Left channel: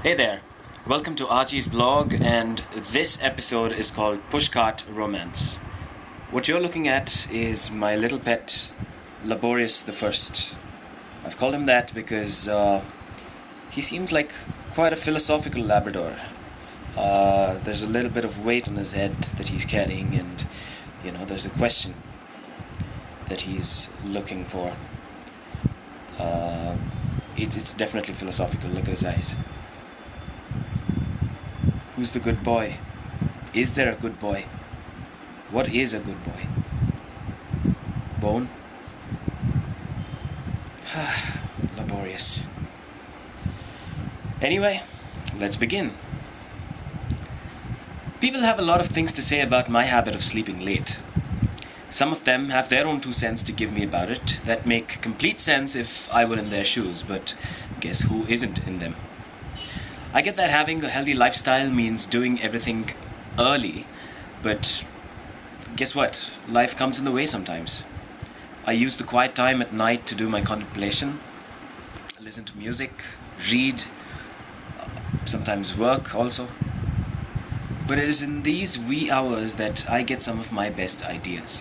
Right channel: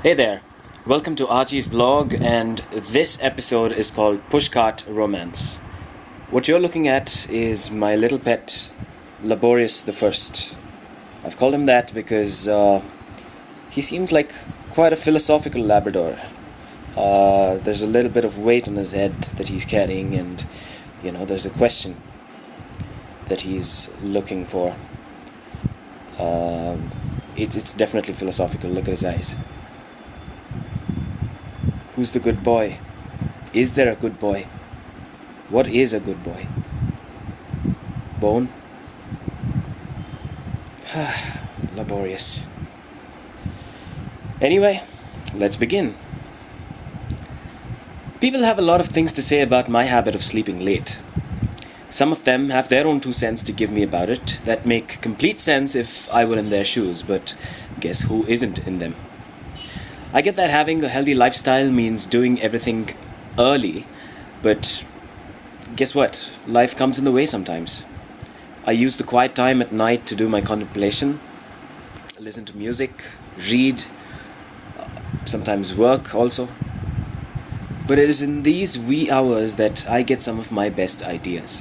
Hey there, welcome to Archie's blog, and this episode is called Pushcart Romance. What you're looking at is my little pet, Laborious the First. I've called him that because he seems like quite a philosophical Labrador. There's a little bit of weight on his head that he's carrying, and there's a question that he's looking for. It's definitely philosophical. Look at his eyes. Who's the good boy? Is there a good boy? What is a good boy? Bone? Laborious. Anyway, let's begin. People have a lot of things to say about my habit of sleeping late. Some of them have their own 2 cents to give me about it that make complete sense if I were in their shoes, but guess who isn't in them? I get that having a healthy lifestyle means doing everything early, but guess what? Life comes in the way sometimes. I use the quiet time at night to do my contemplation, listen to music, read, sometimes work also. But it is in these wee hours that I get some of my best ideas.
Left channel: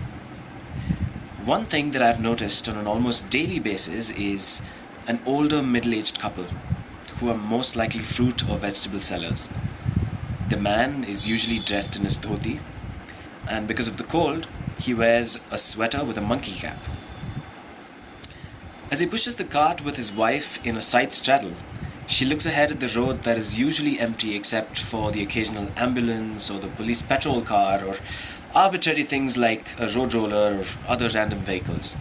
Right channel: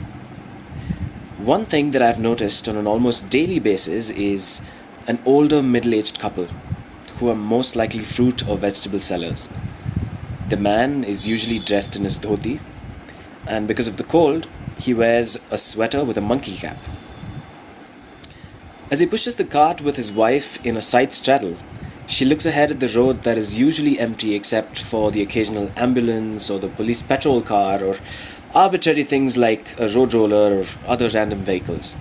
One thing that I've noticed on an almost daily basis is an older middle-aged couple who are most likely fruit or vegetable sellers. The man is usually dressed in his dhoti, and because of the cold, he wears a sweater with a monkey cap. As he pushes the cart with his wife in a side straddle, she looks ahead at the road that is usually empty except for the occasional ambulance or the police patrol car or arbitrary things like a road roller or other random vehicles.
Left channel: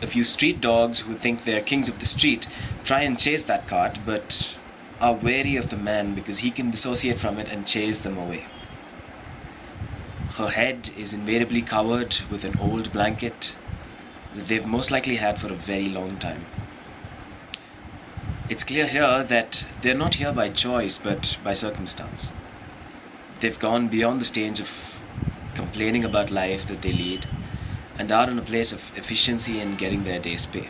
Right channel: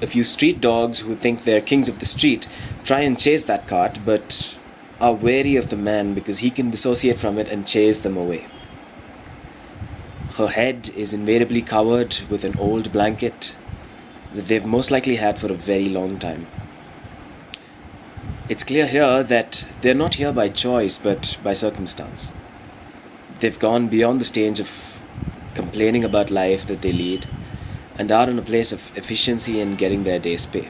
A few street dogs who think they're kings of the street try and chase that cart, but are wary of the man because he can dissociate from it and chase them away. Her head is invariably covered with an old blanket that they've most likely had for a very long time. It's clear here that they're not here by choice but by circumstance. They've gone beyond the stage of complaining about life that they lead and are in a place of efficiency and getting their day's pay.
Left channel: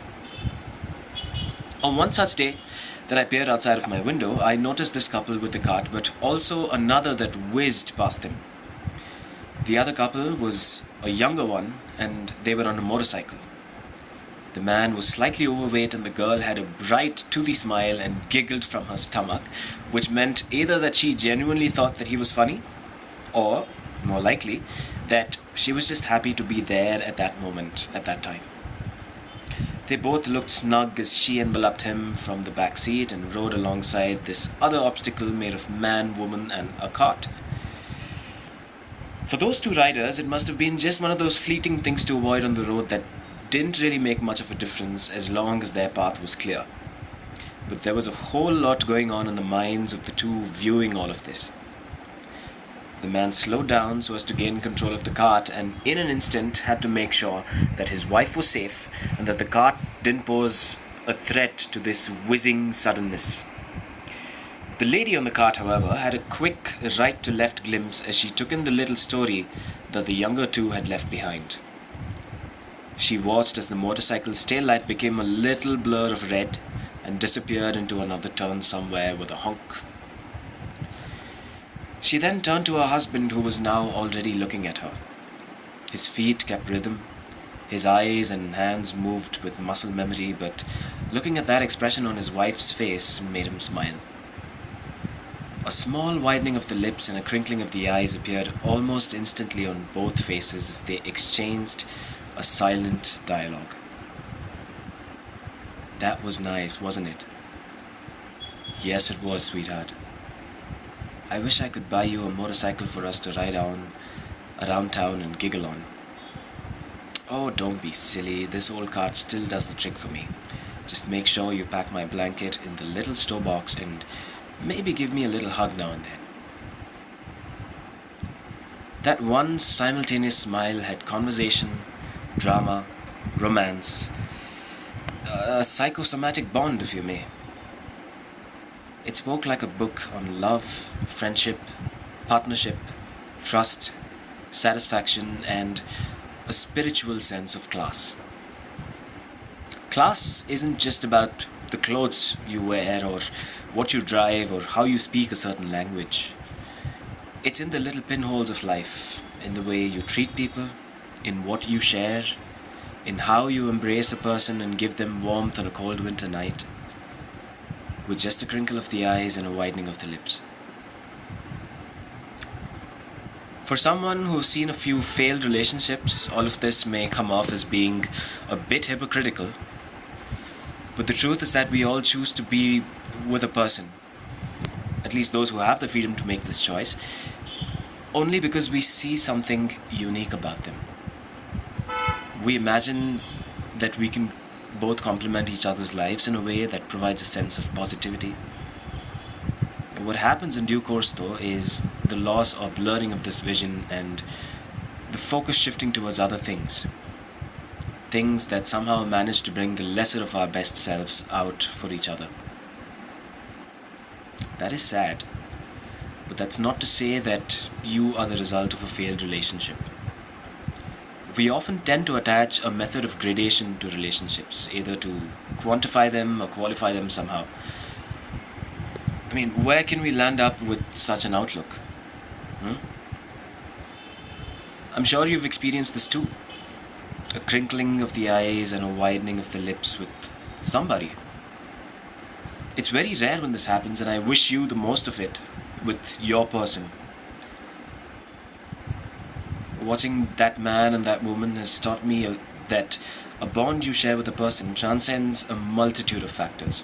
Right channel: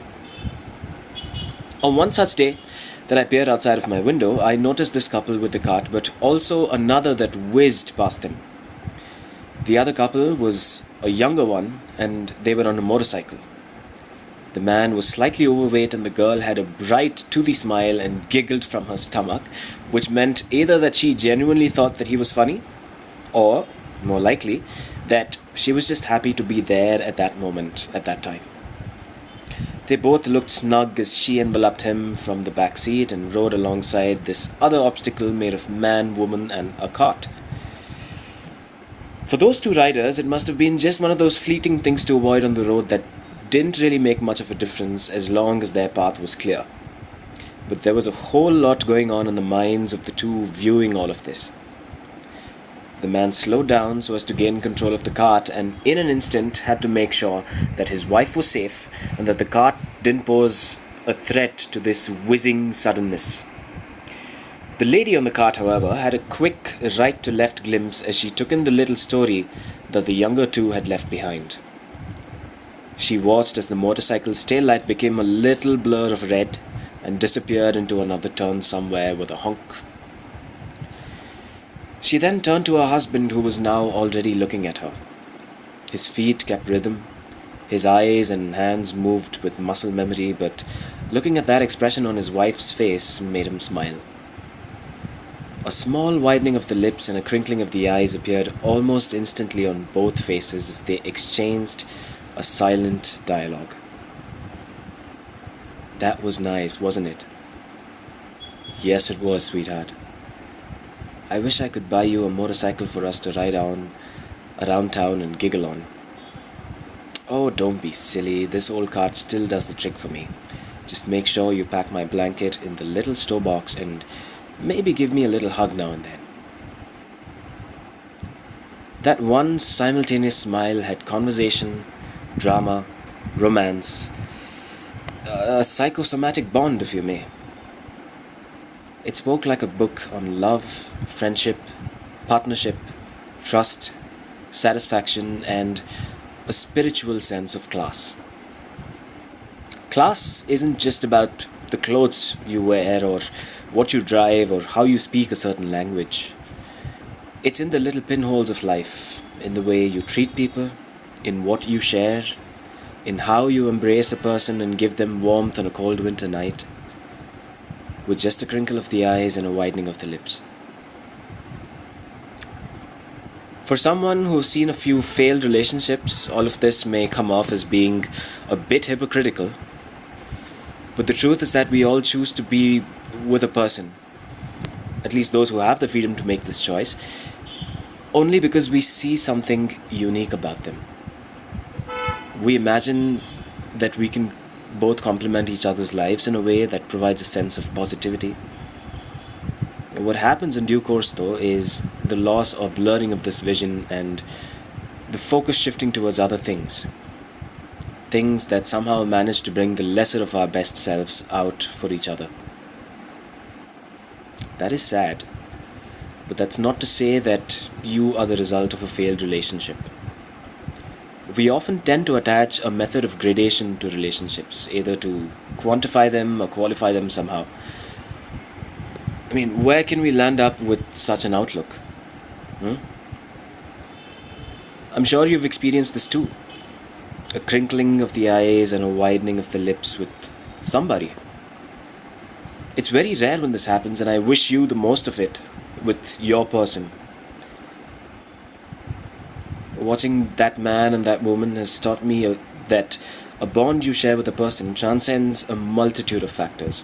On one such day that I peered outside of my window, I noticed this couple with the cart, but also another that whizzed past them. The other couple was a younger one, and they were on a motorcycle. The man was slightly overweight, and the girl had a bright, toothy smile and giggled from her stomach, which meant either that she genuinely thought that he was funny, or, more likely, that she was just happy to be there at that moment, at that time. They both looked snug as she enveloped him from the back seat and rode alongside this other obstacle made of man, woman, and a cart. For those two riders, it must have been just one of those fleeting things to avoid on the road that didn't really make much of a difference as long as their path was clear. But there was a whole lot going on in the minds of the two viewing all of this. The man slowed down so as to gain control of the cart, and in an instant had to make sure that his wife was safe and that the cart didn't pose a threat to this whizzing suddenness. The lady on the cart, however, had a quick right-to-left glimpse as she took in the little story that the younger two had left behind. She watched as the motorcycle's taillight became a little blur of red and disappeared into another turn somewhere with a honk. She then turned to her husband, who was now already looking at her. His feet kept rhythm, his eyes and hands moved with muscle memory, but looking at that expression on his wife's face made him smile. A small widening of the lips and a crinkling of the eyes appeared almost instantly on both faces as they exchanged a silent dialogue. That was nice, wasn't it? Yes, it was, sweetheart. I wish I could buy you a motorcycle for us to ride on around town and giggle on. Oh, don't be silly. This old cart still does the trick for me. Just make sure you pack my blanket in the little store box and maybe give me a little hug now and then. That one simultaneous smile had conversation, drama, romance, a psychosomatic bond, if you may. It spoke like a book on love, friendship, partnership, trust, satisfaction, and a spiritual sense of class. Class isn't just about the clothes you wear, or what you drive, or how you speak a certain language. It's in the little pinholes of life, in the way you treat people, in what you share, in how you embrace a person and give them warmth on a cold winter night, with just a crinkle of the eyes and a widening of the lips. For someone who's seen a few failed relationships, all of this may come off as being a bit hypocritical, but the truth is that we all choose to be with a person, at least those who have the freedom to make this choice, only because we see something unique about them. We imagine that we can both complement each other's lives in a way that provides a sense of positivity. What happens in due course, though, is the loss or blurring of this vision and the focus shifting towards other things. Things that somehow manage to bring the lesser of our best selves out for each other. That is sad, but that's not to say that you are the result of a failed relationship. We often tend to attach a method of gradation to relationships, either to quantify them or qualify them somehow. I mean, where can we land up with such an outlook? I'm sure you've experienced this too. A crinkling of the eyes and a widening of the lips with somebody. It's very rare when this happens, and I wish you the most of it with your person. Watching that man and that woman has taught me that a bond you share with a person transcends a multitude of factors.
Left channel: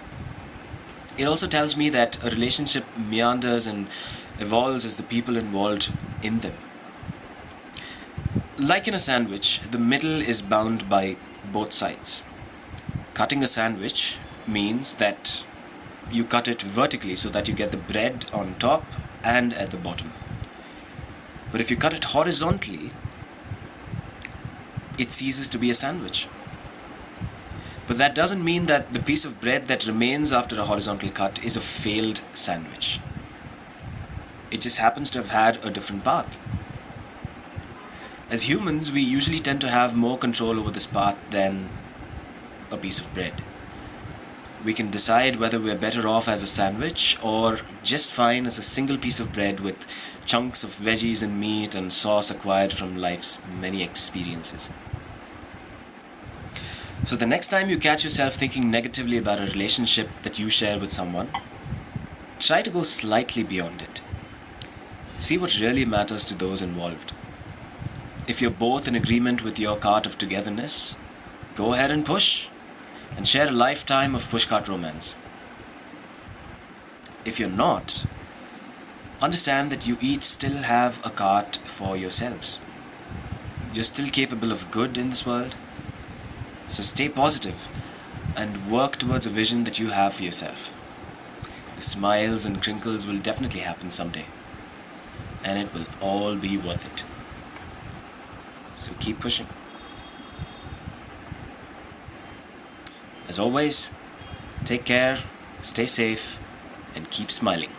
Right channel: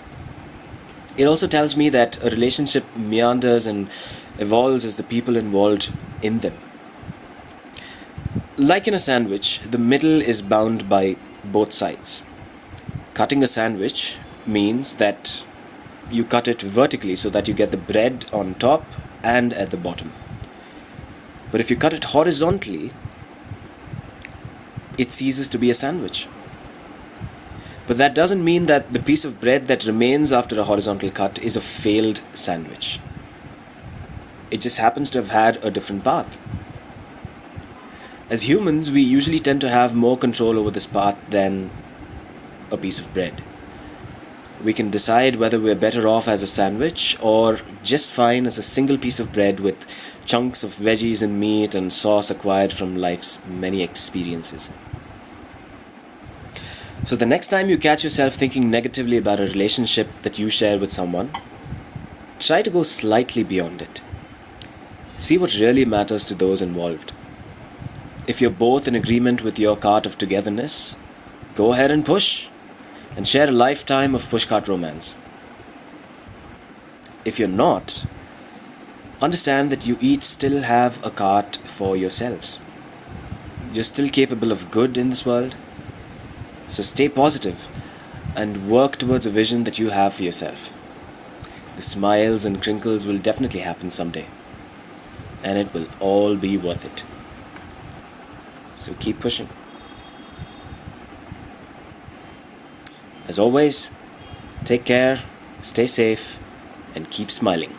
It also tells me that a relationship meanders and evolves as the people involved in them. Like in a sandwich, the middle is bound by both sides. Cutting a sandwich means that you cut it vertically so that you get the bread on top and at the bottom. But if you cut it horizontally, it ceases to be a sandwich. But that doesn't mean that the piece of bread that remains after a horizontal cut is a failed sandwich. It just happens to have had a different path. As humans, we usually tend to have more control over this path than a piece of bread. We can decide whether we're better off as a sandwich or just fine as a single piece of bread with chunks of veggies and meat and sauce acquired from life's many experiences. So the next time you catch yourself thinking negatively about a relationship that you share with someone, try to go slightly beyond it. See what really matters to those involved. If you're both in agreement with your cart of togetherness, go ahead and push and share a lifetime of Pushcart Romance. If you're not, understand that you each still have a cart for yourselves. You're still capable of good in this world. So stay positive and work towards a vision that you have for yourself. The smiles and crinkles will definitely happen someday, and it will all be worth it. So keep pushing. As always, take care, stay safe, and keep smiling.